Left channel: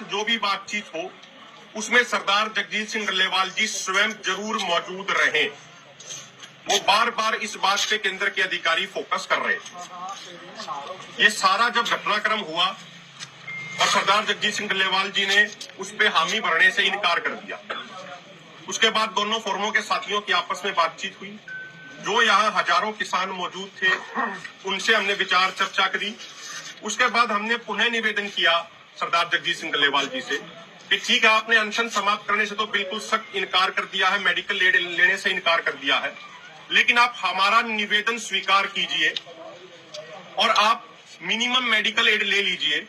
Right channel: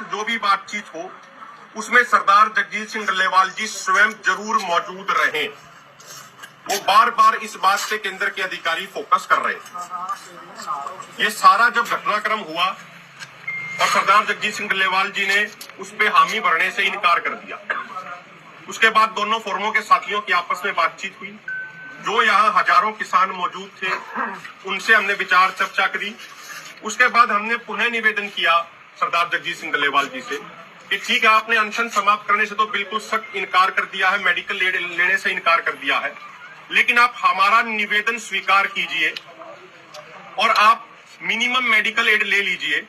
जो भी बातचीत हो, उसमें सरदार जगजीत सिंह डल्लेवाल जी स्वयं ज़रूर मौजूद रहे। वो बार बार इस बात पे केंद्र के अधिकारी फोकस कर रहे ये सारा जब घटनाक्रम हुआ, और सरदार जगजीत सिंह डल्लेवाल जी ने उस पे हामी भरने से इनकार कर दिया। उसके बाद दोनों फोरमों के साथियों की आपस में बातचीत हुई। जो यहाँ हज़ारों किसान मौजूद थे, उनसे हमने विचार चर्चा करी। उसके बाद हमने पुनः निवेदन किया सरदार जगजीत सिंह डल्लेवाल जी से, कि ठीक है, आपने अनशन समाप्त करने से तो बिल्कुल सख्त इनकार कर दिया है मेडिकल ले- लेने से इनकार कर दिया है। लेकिन आप हमारा निवेदन स्वीकार कीजिए और आप मिनिमम मेडिकल एड ले लीजिए,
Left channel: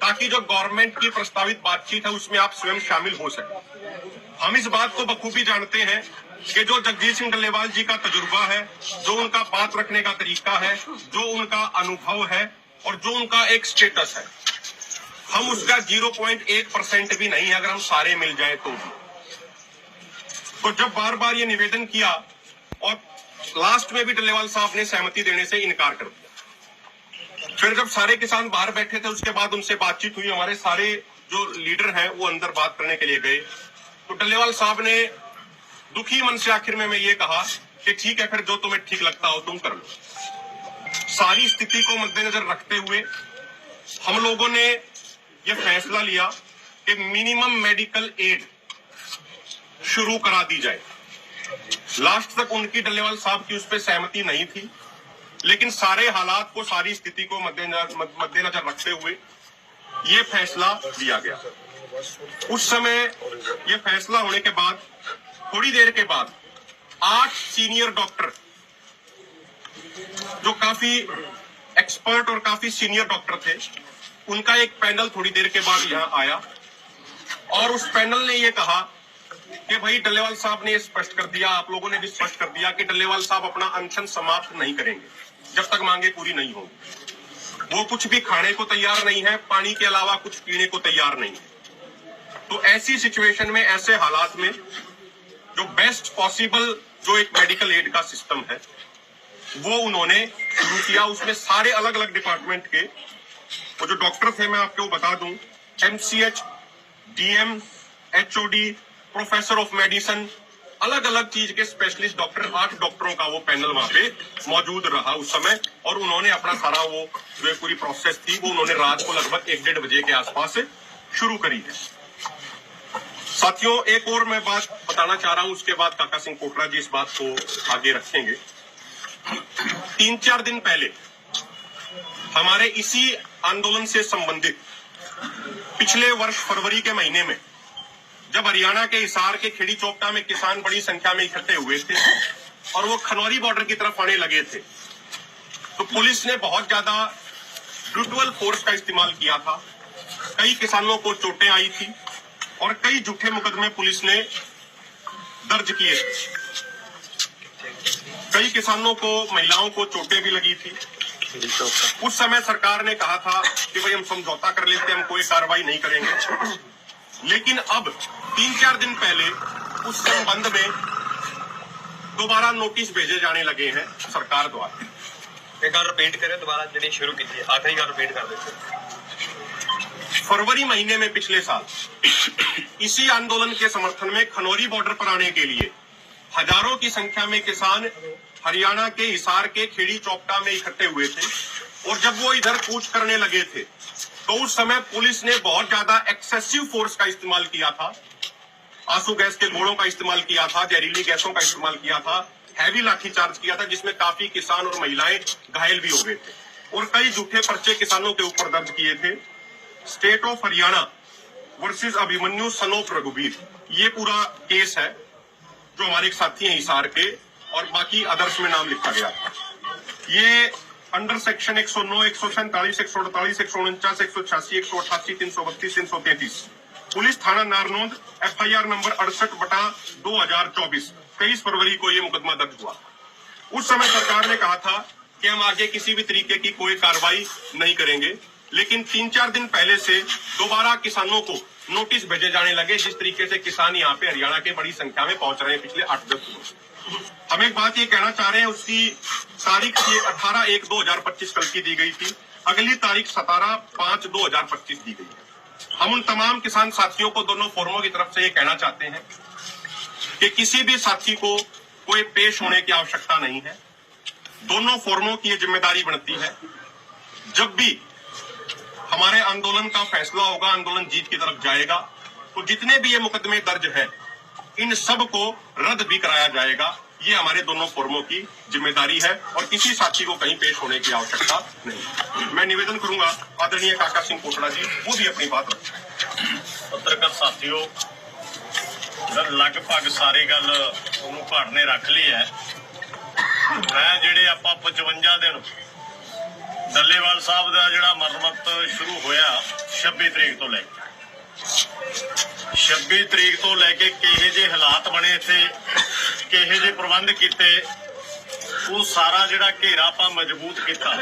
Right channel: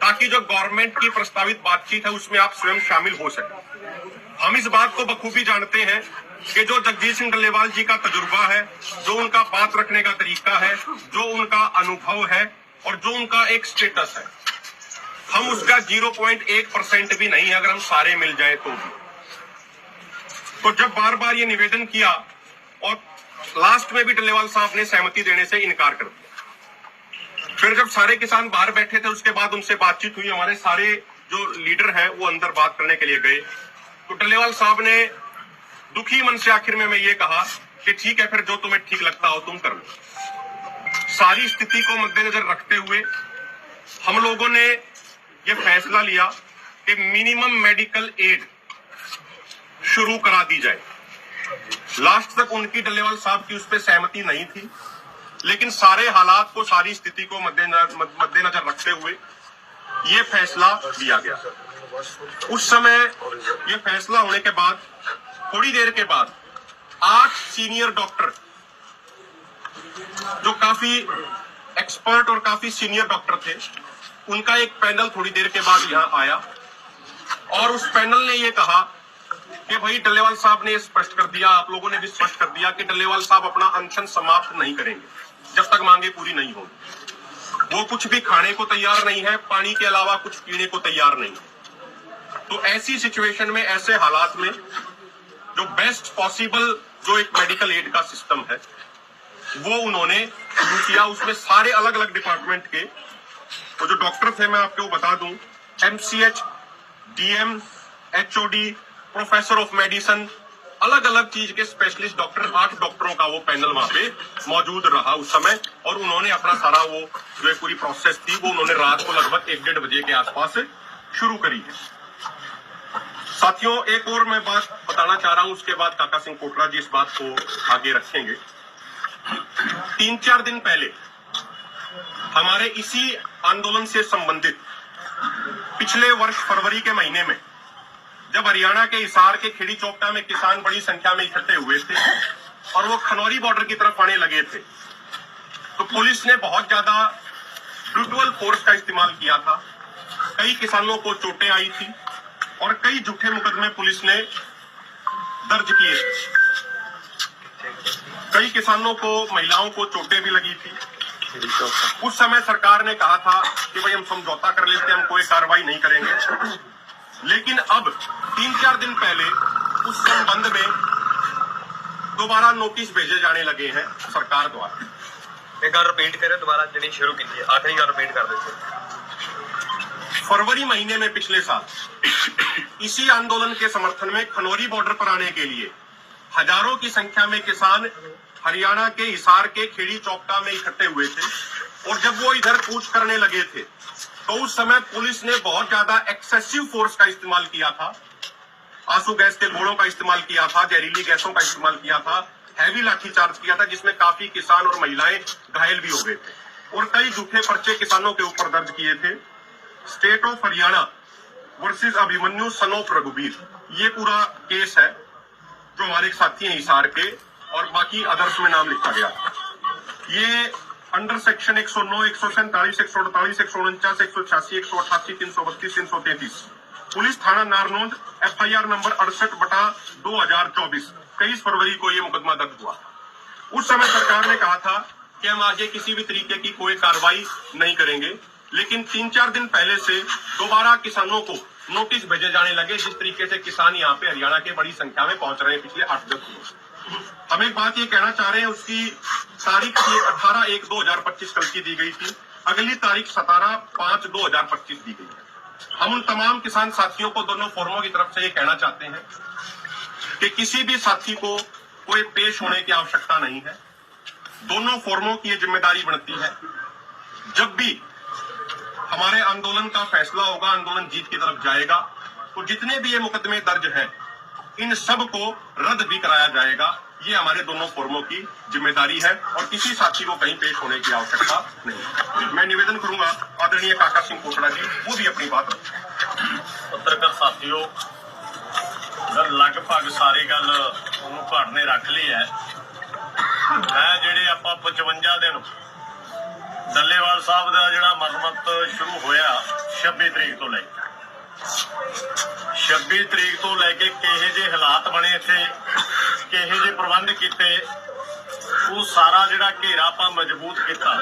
ताकि जो गवर्नमेंट की प्रस्तावित बातचीत है, उसमें आप स्वयं शामिल हो सके। हम इस बात को बखूबी जानते हैं कि जो जगजीत सिंह डल्लेवाल जी का तजुर्बा है, जो उनका बात रखने का तरीका है, जो उनका अनुभव है और जो उनका एक स्टेटस है। हम उसका 0.1 परसेंट भी नहीं है, अगर हम सारे मिल जाए तो भी। तो जब बार बार ये निवेदन किया और लास्ट में भी डल्लेवाल साहब ने सहमति देने से इनकार कर दिया। फिर जब सारे किसान बाहर बैठे थे, उसके बाद उनसे बातचीत हुई, हमारे सारे जो लीडर हैं, वो अंदर बात करने के लिए गए। तो डल्लेवाल साहब ने दुखी मन से आखिर में मैं ये कहा कि ठीक है, फिर जो तुम्हें ठीक लगता हो तुम कर लो। सारी स्थिति को मद्देनजर रखते हुए हम लोगों ने ये फैसला लिया कि मिनिमम मेडिकल एड शुरू करा दी जाए। लास्ट तक उनकी डल्लेवाल साहब की उस पर सहमति नहीं थी, लेकिन सारे हालात को, सारी स्थिति को मद्देनजर रखते हुए ये फैसला लिया गया। उस समय ये फैसला होने के बाद, थोड़ी देर के बाद, आठ सीनियर डॉक्टर जो काफ़ी एक्सपर्ट और काफ़ी सीनियर डॉक्टर थे। उनका एक पैनल थोड़ी देर के बाद यहाँ आया। और उस पैनल ने ये कहा कि भाई डल्लेवाल साहब ने स्पष्ट कर दिया, आप लोगों ने भी स्पष्ट कर दिया कि डल्लेवाल साहब अपना अनशन समाप्त नहीं करेंगे, जब तक मांगे पूरी नहीं होगी। वो कुछ भी खाने को तैयार नहीं है, पानी के अलावा कुछ पीने को तैयार नहीं है। तो ऐसी सिचुएशन में, ऐसे हालात में, जो बेस्ट पॉसिबल जो एक मेडिकल एड का सिस्टम है वो उन्होंने शुरू किया उसमें सारे अलग अलग डिपार्टमेंट के। वो जो डॉक्टर थे मैं आपको बता दूँ MCH DM HOD professor of medicine अलग अलग चीज़ के स्पेशलिस्ट डॉक्टर आठ डॉक्टरों का वो पैनल वहाँ पे मौजूद रहा उस समय। और उन्होंने अपना सारा वो जो पूरी प्रोसेस थी, वो उन्होंने रात को लगभग एक डेढ़ बजे के आसपास शुरू करी है। साथियों, एक और मैं बात बताना चाह रहा हूँ, उसके बाद काका सिंह कोटरा जी इस बात को आगे रखेंगे। तीन चार दिन पहले, हमारे इसी आंदोलन से संबंधित पिछले वर्ष फरवरी के महीने में, जब हरियाणा के हिसार के खेड़ी चौकटा में किसान बड़ी संख्या में इकट्ठे हुए थे और वो खनौरी बॉर्डर की तरफ़ आने लगे थे तो पुलिस ने बहुत ज़्यादा ब्रूटल फोर्स का इस्तेमाल किया था। कई किसानों को चोटें आई थी और कई झूठे मुकदमे पुलिस ने दर्ज किए। कई किसानों को महिलाओं को चोटें भी लगी थी। उस समय सरकार ने कहा था कि भाई हम समझौता कर लेते हम कोई कार्रवाई नहीं करेंगे। लेकिन अब तीन चार दिन पहले उस संबंध में दोबारा नोटिस भेजे जाने लगे हैं सरकार द्वारा। एक बार रिपीट करें दोबारा जिन्हें शुरू की थी आखिरी बार रिपीट कर देते फरवरी महीने में पिछले साल इसी आंदोलन के समर्थन में खनौरी बॉर्डर पर आने के लिए हज़ारों की संख्या में किसान हरियाणा के हिसार के खेड़ी चौपटा में इकट्ठे हुए थे और जब वो इधर कूच करने लगे थे तो उस समय पुलिस ने बहुत ज़्यादा एक्सेसिव फोर्स का इस्तेमाल किया था, आँसू गैस के गोलों का इस्तेमाल किया था, जहरीली गैसों का इस्तेमाल किया था, हैवी लाठीचार्ज किया था, जिसमें काफ़ी किसान और महिलाएँ घायल भी हो गए थे और कई झूठे पर्चे किसानों के ऊपर दर्ज किए थे। State of Haryana versus Abhimanyu son of Raghubir ये पूरा केस है। जो हमारे साथी हैं हिसार के और बाकी अदर्स में नाम लिखा गया। ये अंडर सेक्शन 109, 147, 148, 149, 186, 188, 332, 333 पुलिस थाना नारनौंद एफआईआर नंबर अड़सठ बटा दो हज़ार चौबीस। तेईस फरवरी को ये मुकदमा दर्ज हुआ। उस समय सरकार ने कहा था कि हम आगे किसी भी तरीके की कोई कार्रवाई नहीं करेंगे। लेकिन तीन चार दिन पहले से दोबारा किसानों को नोटिस भेजे जाने लगे, जिस तरीके से किसान यहाँ पे हरियाणा के बड़ी संख्या में पहुँच रहे हैं पिछले आठ दस दिनों। हम एक बात ये कहना चाह रहे हैं, उसकी तारीख ये अठारह एक दो हज़ार पच्चीस कल की दी गई थी। अगली तारीख सतारह पाँच दो हज़ार पच्चीस दी गई है। हम उन तमाम किसान साथियों को दोनों फोरमों की तरफ़ से ये कहना चाहते हैं कि किसी भी साथी को कोई पेश होने की आवश्यकता नहीं है। दोनों फोरमों की ये ज़िम्मेदारी बनती है। जब भी हमारे आंदोलन का फैसला होगा आंदोलन जीत की तरफ जाएगा तो जितने भी ये मुकदमे दर्ज हैं इन सब को रद्द भी कराया जाएगा ये हमारे दोनों फोरमों की जिम्मेदारी है और किसी साथी को कहीं पेश होने की आवश्यकता नहीं मैं निवेदन करूंगा आदरणीय काका सिंह कोटड़ा जी वो भी अपनी बात रखें ਪੱਤਰਕਾਰ ਸਾਥੀਓ ਗੱਲ ਲਗਭਗ ਸਾਰੀ ਗੱਲ ਉਹਨੂੰ ਘੜ ਨੇ ਰੱਖ ਲਈ ਹੈ ਮੈਂ ਜਿਹੜੇ ਆਪਾਂ 55 ਦਿਨ ਦੱਲੇਵਾਲ ਸਾਹਿਬ ਦਾ ਜਿਹੜਾ ਮਰਮਤ ਸ਼ੁਰੂ ਹੋਇਆ 26 ਤਰੀਕ ਤੋਂ ਲੈ ਕੇ। 26 ਤਰੀਕ ਤੋਂ ਲੈ ਕੇ ਕਿਹੇ ਜੇ ਹਾਲਾਤ ਬਣੇ ਇੱਥੇ, ਕਿਹੇ ਜੇ ਪ੍ਰਬੰਧ ਕੀਤੇ, ਉਹ ਸਾਰਾ ਜਿਹੜਾ ਘੇਰਾ ਆਪਾਂ ਮਜ਼ਬੂਤ ਕੀਤਾ।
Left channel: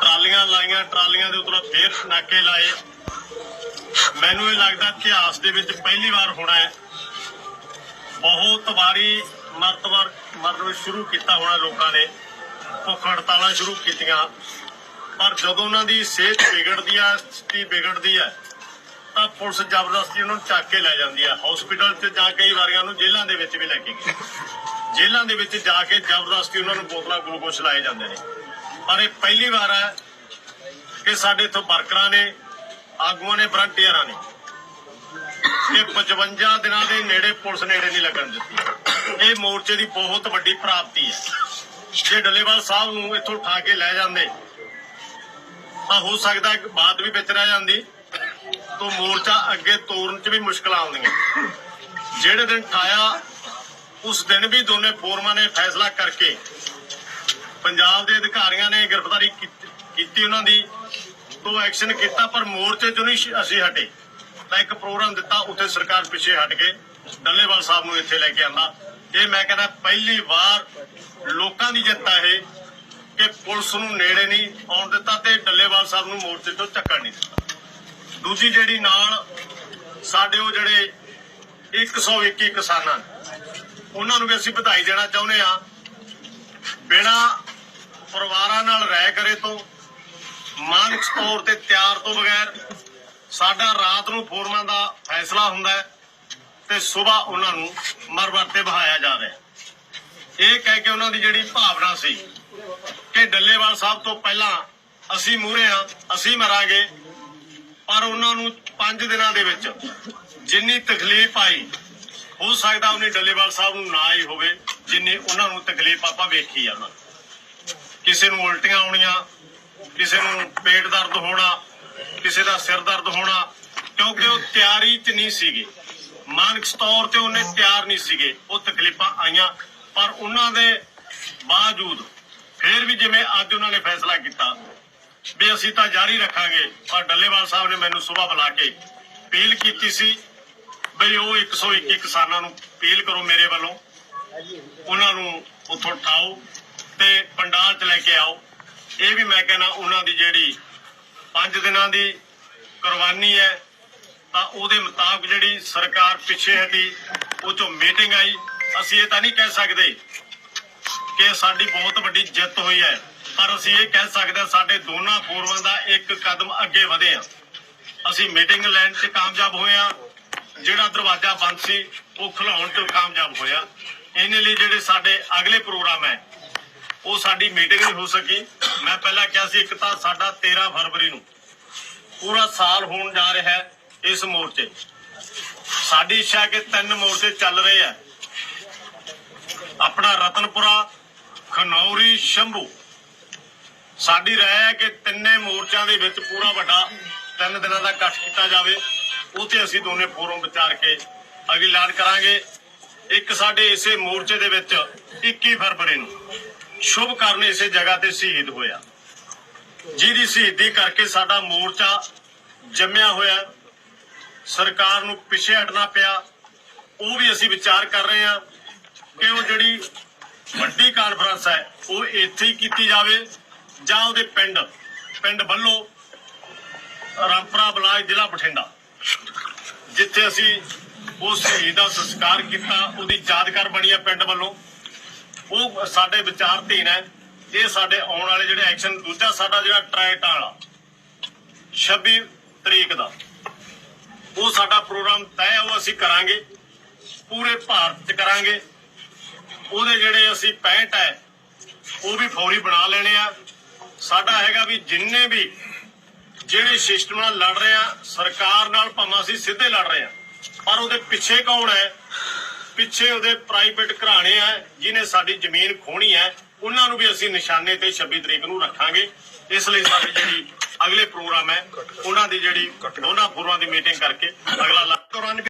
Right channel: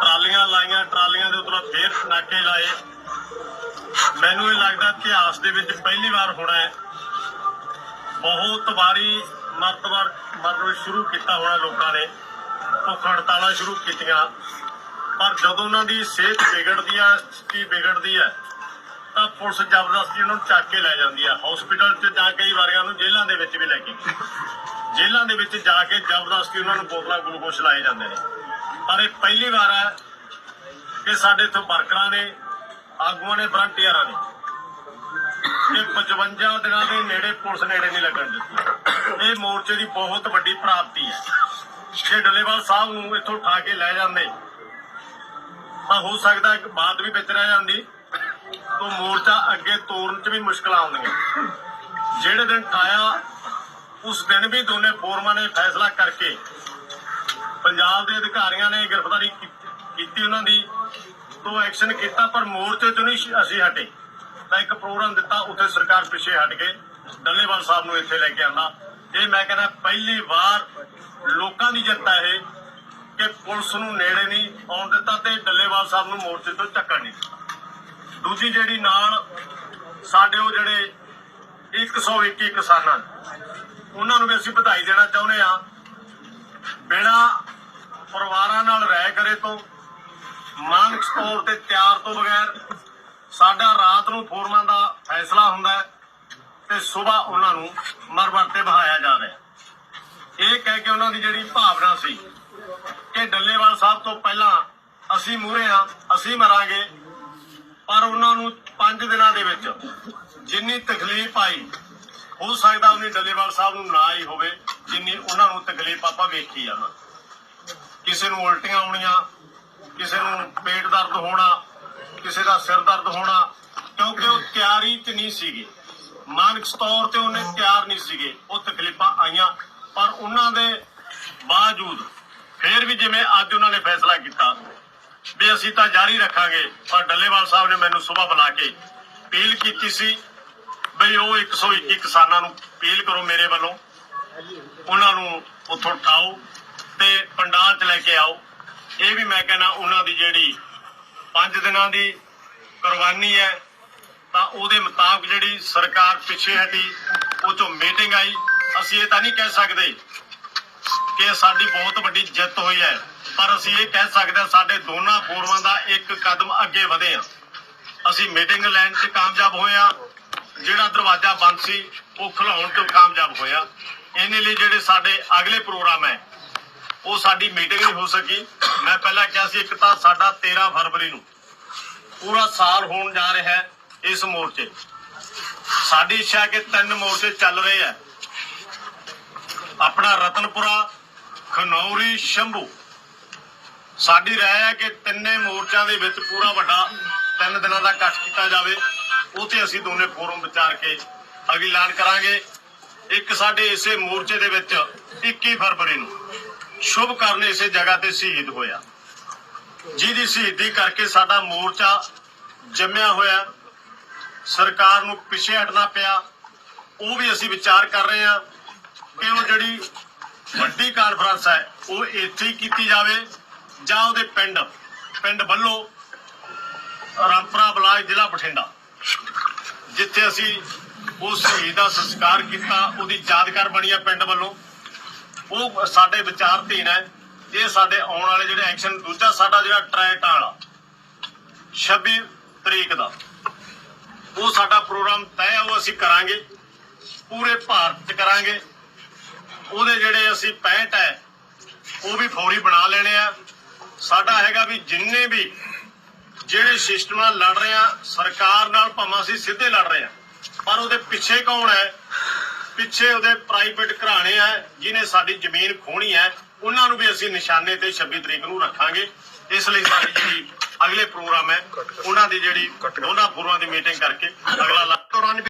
ਟਰਾਲੀਆਂ ਲਾਈਆਂ, ਟਰਾਲੀਆਂ ਦੇ ਉੱਪਰ ਫੇਰ ਨਾਕੇ ਲਾਏ। ਮੈਨੂੰ ਇਹ ਲੱਗਦਾ ਇਤਿਹਾਸ ਦੇ ਵਿੱਚ ਪਹਿਲੀ ਵਾਰ ਹੋਣਾ ਹੈ। ਬਹੁਤ ਵਾਰੀ ਮਰਤਬਾਰ ਮਤਲਬ ਸ਼ੁਰੂ ਕੀਤਾ ਹੋਣਾ ਲੋਕਾਂ ਨੇ। ਭੁੱਖ ਹੜਤਾਲਾਂ ਸ਼ੁਰੂ ਕੀਤੀਆਂ। ਪਰ ਜਦੋਂ ਉਹਨਾਂ ਦੀ ਸਿਹਤ ਵਿਗੜਦੀ ਆ, ਸਥਿਤੀ ਵਿਗੜਦੀ ਹੈ ਤਾਂ ਪੁਲਿਸ ਜ਼ਬਰਦਸਤੀ ਉਹਨਾਂ ਨੂੰ ਚੱਕ ਕੇ ਲੈ ਜਾਂਦੀ ਆ। ਹਸਪੀਟਲ 'ਚ ਜਾ ਕਈ ਵਾਰੀਆਂ ਨੂੰ ਜੇਲ੍ਹਾਂ ਦੇ ਵਿੱਚ ਵੀ ਲੈ ਕੇ ਗਈ ਜੇਲ੍ਹਾਂ ਦੇ ਵਿੱਚ ਜਾ ਕੇ ਜ਼ਬਰਦਸਤੀ ਉਹਨਾਂ ਨੂੰ ਬੋਤਲਾਂ ਗਲੂਕੋਸ਼ ਲਾਏ ਜਾਂਦੇ ਨੇ। ਪਰ ਇਹ ਪਹਿਲੀ ਵਾਰ ਹੈ ਕਿ ਸਾਡੇ ਇੱਥੇ ਵਰਕਰਾਂ ਨੇ, ਆਗੂਆਂ ਨੇ ਫਰੰਟੀਅਰਾਂ ਨੇ ਇਹ 55 ਦਿਨਾਂ ਦੇ ਨੇੜੇ ਪੁਲਿਸ ਨੇੜੇ ਨਹੀਂ ਲੱਗਣ ਦਿੱਤੀ। ਇਹ ਮੋਰਚੇ ਦੀ ਬਹੁਤ ਵੱਡੀ ਪ੍ਰਾਪਤੀ ਹੈ ਜੇ ਡੱਲੇਵਾਲ ਸਾਹਿਬ ਨੂੰ ਇੱਥੋਂ ਉਠਾ ਕੇ ਲੈ ਜਾਂਦੇ। ਤਾਂ ਹੋ ਸਕਦਾ ਕਿ ਬਾਤ ਵੀ ਵਿੱਚ ਰਹਿ ਜਾਂਦੀ, ਤੋਂ ਮੋਰਚਾ ਅੱਗੇ ਤੋਰਨ 'ਚ ਵੀ ਮੁਸ਼ਕਲਾਂ ਆਉਂਦੀਆਂ। ਜਿਹੜੇ ਦਿਨ ਠਾਇਆ ਉਸ ਦਿਨ ਵੀ ਦੋਨੇ ਫੋਰਮਾਂ ਨੇ ਫੈਸਲਾ ਕਰਕੇ ਪੰਜਾਬ ਦੇ ਅਧਿਕਾਰੀਆਂ ਨੇ ਗ੍ਰਿਫਤਾਰੀ ਕੀਤੀ- ਉਹਨਾਂ ਦੀ, ਤੋਂ ਐਕਸ਼ਨ ਕੀਤਾ, ਪਰ ਮੋਰਚੇ ਤੋਂ ਨਹੀਂ ਅਸੀਂ ਹਟੇ। ਤਾਂ ਇੱਕ ਪ੍ਰੋਗਰਾਮ ਦਿੱਤਾ, ਉੱਥੇ ਸਰਕਾਰ ਪਿੱਛੇ ਹਟ ਕੇ ਡੱਲੇਵਾਲ ਸਾਹਿਬ ਨੂੰ ਇੱਥੇ ਲੈ ਕੇ ਆਂਦਾ। ਇਹ ਮੈਂ ਕਹਿੰਦਾ ਪਹਿਲੀ ਵਾਰ ਲੋਕਾਂ ਦੀ ਜਿੱਤ ਹੈ ਇਹ ਕਿ ਪੁਲਿਸ ਨੂੰ ਨੇੜੇ ਨਹੀਂ ਆਉਣ ਦਿੱਤਾ ਤੇ ਡੱਲੇਵਾਲ ਸਾਹਿਬ ਨੂੰ ਮੋਰਚੇ ਤੋਂ ਚੱਕਣ ਨਹੀਂ ਦਿੱਤਾ। ਦੂਜੀ ਜਿਹੜੀ ਨਾਲ ਸਾਡੇ ਉਹ ਜਿਹੜੇ 121 ਕਿਸਾਨਾਂ ਉਹਨਾਂ ਨੂੰ ਵੀ ਅਸੀਂ ਵਧਾਈ ਦੇਣਾ ਚਾਹੁੰਦੇ ਆ ਬਿਨਾ ਪਰਿਵਾਰਾਂ ਨਾਲ ਰਹਿ ਕਰੇ ਤੋਂ ਮਾਨਸਿਕ ਤੌਰ ਤੇ ਤਿਆਰ ਤੋਂ ਬਗੈਰ ਸਾਡਾ ਰਾਤ ਨੂੰ ਫੋਰਮਾਂ ਦਾ ਫੈਸਲਾ ਹੁੰਦਾ ਹੈ। ਤੇ ਸਵੇਰ ਉਹਨਾਂ ਨੂੰ ਮਰਵਰ ਤੇ ਬਹਾਇਆ ਜਾ ਰਿਹਾ ਇਹ ਕਹਿ ਕੇ ਉਹਨਾਂ ਦੀ ਜਿਹੜੀ ਭਾਵਨਾ ਸੀ ਕਿ ਡੱਲੇਵਾਲ ਸਾਹਿਬ ਤੋਂ ਪਹਿਲਾਂ ਅਸੀਂ ਮੂਹਰੇ ਆ ਅਸੀਂ ਮਰਾਂਗੇ, ਪਰ ਉਹਨਾਂ ਨੂੰ 5 ਦਿਨਾਂ ਦੇ ਵਿੱਚ ਜਿੰਨੀ ਤਕਲੀਫ ਆਈ, ਹੋ ਸਕਦਾ ਉਹਨੇ ਡੱਲੇਵਾਲ ਸਾਹਿਬ ਨੂੰ ਨਾ ਆਈ ਹੋਵੇ, ਜਿੰਨੀ ਉਹਨਾਂ ਨੂੰ ਤਕਲੀਫ ਆਪਾਂ ਵੇਖੀ ਆ। ਕਿਸੇ ਨੂੰ ਉਲਟੀਆਂ ਆਉਣੀਆਂ, ਕਿਸੇ ਨੂੰ ਪੇਟ ਦਰਦ ਹੋਣਾ, ਕਿਸੇ ਦਾ ਸਿਰ ਦਰਦ ਹੋਣਾ, ਕਿਉਂਕਿ ਉਹ ਤਿਆਰੀ 'ਚ ਨਹੀਂ ਸੀਗੇ। ਮਾਨਸਿਕ ਤੌਰ ਤੇ ਉਹਨੇ ਤਿਆਰ ਨਹੀਂ ਸੀਗੇ। ਉਹ ਤਕਲੀਫਾਂ ਆਈਆਂ, ਪਰ ਉਹਨਾਂ ਦੇ ਬਾਵਜੂਦ ਫਿਰ ਵੀ ਜਿਵੇਂ ਅੱਜ ਉਹਨਾਂ ਨੇ ਫੈਸਲਾ ਕੀਤਾ ਵੀ ਅਸੀਂ ਤਾਂ ਜਾਰੀ ਰੱਖਾਂਗੇ, ਪਰ ਡੱਲੇਵਾਲ ਸਾਹਿਬ ਨੇ ਮੈਨੂੰ ਸਵੇਰ ਬੁਲਾ ਕੇ ਅਪੀਲ ਕੀਤੀ ਸੀ ਬਈ ਉਹ 121 ਕਿਸਾਨਾਂ ਨੂੰ ਅਪੀਲ ਕਰੋ ਮੇਰੇ ਵੱਲੋਂ। ਉਹਨਾਂ ਨੂੰ ਉੱਥੋਂ ਉਠਾਓ ਤੇ ਪੰਡਾਲ 'ਚ ਲੈ ਕੇ ਆਓ। ਇਹ ਵੀ ਮੈਂ ਕਹਿੰਦਾ, ਉਹਨਾਂ ਦੀ ਜਿਹੜੀ 5 ਦਿਨਾਂ ਦੀ ਕੁਰਬਾਨੀ ਹੈ ਤਾਂ ਉਹਦੇ ਮੁਤਾਬਕ ਜਿਹੜੀ ਸਰਕਾਰ ਪਿੱਛੇ ਹਟੀ, ਉਹ ਚੋਂ ਮੀਟਿੰਗ ਆਈ। ਅਸੀਂ ਇਹ ਤਾਂ ਨਹੀਂ ਕਹਿ ਸਕਦੇ ਕਿ ਸਾਡੀ ਬਹੁਤ ਵੱਡੀ ਜਿੱਤ ਹੋਈ ਹੈ, ਪਰ ਅਸੀਂ ਇਹ ਕਹਿ ਸਕਦੇ ਹਾਂ ਸਾਡੇ ਦੋਨਾਂ ਫੋਰਮਾਂ ਦਾ ਇੱਕ ਕਦਮ ਅੱਗੇ ਵਧੇ ਆ ਅਸੀਂ ਮੀਟਿੰਗ ਲੈਣ 'ਚ ਕਾਮਯਾਬ ਹੋਏ ਆ ਜਿਹੜਾ ਦਰਵਾਜ਼ਾ ਬੰਦ ਸੀ, ਉਹ ਖੁਲਾਉਣ 'ਚ ਕਾਮਯਾਬ ਹੋਇਆ। ਇਹਨੇ ਲਈ ਜਿਹੜੇ ਸਾਡੇ ਅਗਲੇ ਪ੍ਰੋਗਰਾਮ ਹੈ, ਉਹ ਸਾਡੀ ਮੀਟਿੰਗ ਨਹੀਂ ਹੋ ਸਕੀ। ਮੈਂ ਪਹਿਲਾਂ ਕਿਹਾ ਸੀ, ਇੱਕ ਤਾਂ ਸਾਡਾ 13 ਫਰਵਰੀ ਨੂੰ ਪੂਰਾ ਸਾਲ ਹੋਣ ਜਾ ਰਿਹਾ ਹੈ। ਇਸ ਮੋਰਚੇ ਸਾਡੀ ਇੱਛਾ ਹੈ ਕਿ ਤਿੰਨ ਮੋਰਚੇ ਚੱਲ ਰਹੇ ਆ ਆਪਣਾ ਰਤਨਪੁਰਾ, ਖਨੌਰੀ, ਸ਼ੰਭੂ। ਸਾਡੀ ਰਾਏ ਹੈ ਕਿ ਤਿੰਨੇ ਮੋਰਚਿਆਂ ਦੇ ਵਿੱਚ ਪੂਰਾ ਵੱਡਾ ਤਿੰਨ ਦਿਨਾਂ ਦਾ ਇਕੱਠ ਕੀਤਾ ਜਾਵੇ। ਉਹ ਤੇ ਅਸੀਂ ਦੋਨੇ ਫੋਰਮ ਵਿਚਾਰ ਕੇ ਅਗਲੀ ਐਲਾਨ ਕਰਾਂਗੇ। ਇੱਕ ਸਾਡੇ ਇਸੇ ਮੋਰਚੇ ਦੇ ਵਿੱਚ 21 ਫਰਵਰੀ ਨੂੰ ਸ਼ੁਭ ਕਰਨ ਇਸੇ ਜਗ੍ਹਾ ਤੇ ਸ਼ਹੀਦ ਹੋਇਆ। ਜਿਹਦੀ ਸ਼ਹੀਦੀ ਕਰਕੇ ਸਾਡਾ ਮੋਰਚਾ ਜੰਮਿਆ ਹੋਇਆ। ਸਰਕਾਰ ਨੂੰ ਪਿੱਛੇ ਹਟਣਾ ਪਿਆ, ਉਹ ਵੀ ਅਸੀਂ ਵਿਚਾਰ ਕਰ ਰਹੇ ਹਾਂ ਕਿ ਉਹ ਜਿਹੜੀ ਵੱਡੀ ਕਾਨਫਰੰਸ ਹੈ, ਉਹ ਇੱਥੇ ਹੀ ਕੀਤੀ ਜਾਵੇ ਜਾਂ ਉਹਦੇ ਪਿੰਡ ਪਿੰਡ ਵੱਲੋਂ ਰਾਮਪੁਰਾ ਬਲਾਕ ਜ਼ਿਲ੍ਹਾ ਬਠਿੰਡਾ, ਜਿੱਥੇ ਅਸੀਂ ਉਸ ਸ਼ਹੀਦ ਦਾ ਸੰਸਕਾਰ ਕੀਤਾ, ਉਹਦੀ ਯਾਦਗਾਰ ਬਣੀ ਆ ਪਿੰਡ ਵੱਲੋਂ। ਉਹ ਸਾਡੇ ਵਿਚਾਰ ਧੀਨ ਹੈ, ਇਹ ਸਾਡੇ ਆਉਣ ਵਾਲੇ ਜਿਹੜੇ ਐਕਸ਼ਨ ਦੂਜਾ ਸਾਡਾ ਜਿਹੜਾ ਟ੍ਰੈਟ ਵਾਲਾ 26 ਤਰੀਕ ਦਾ। ਉਹ ਸਾਡਾ ਪ੍ਰੋਗਰਾਮ ਤੈਅ ਉਹ ਅਸੀਂ ਕਰਾਂਗੇ। ਪੂਰੇ ਭਾਰਤ 'ਚ ਕਰਾਂਗੇ। ਉਹਦੇ ਜਿਹੜੇ ਅਸੀਂ 65 ਹੈ ਉਹ ਵੀ ਫੌਰੀ ਬਣਾ ਲੈਣੇ ਆ। ਸਾਡਾ ਹੈਗਾ ਵੀ ਜਿੰਨੇ ਵੀ ਜਿਹੜੇ ਸਿਸਟਮ ਨਾਲ ਲੜ ਰਹੇ ਆ, ਸਰਕਾਰ ਨਾਲ ਭਾਵੇਂ ਅਸੀਂ ਸਿੱਧੇ ਲੜ ਰਹੇ ਆ, ਪਰ ਉਹਦੇ ਪਿੱਛੇ ਕੌਣ ਹੈ ਪਿੱਛੇ ਉਹਦੇ ਪ੍ਰਾਈਵੇਟ ਘਰਾਣੇ ਆ ਜਿਨੇ ਸਾਡੀ ਜ਼ਮੀਨ ਖੋਣੀ ਹੈ ਉਹਨਾਂ ਨੂੰ ਵੀ ਅਸੀਂ ਨਿਸ਼ਾਨੇ ਤੇ 26 ਤਰੀਕ ਨੂੰ ਰੱਖਾਂਗੇ। ਇਸ ਲਈ ਸਾਡੀ ਜਿਹੜੀ ਅਗਲੇ ਪ੍ਰੋਗਰਾਮ ਹੈ। ਉਹਨਾਂ ਦੀ ਜਿਹੜੀ ਉਹਨਾਂ ਪੂਰਵਾਂ ਦੀ ਮੀਟਿੰਗ ਕਰਕੇ ਅਗਲਾ ਦੌਰਾਨ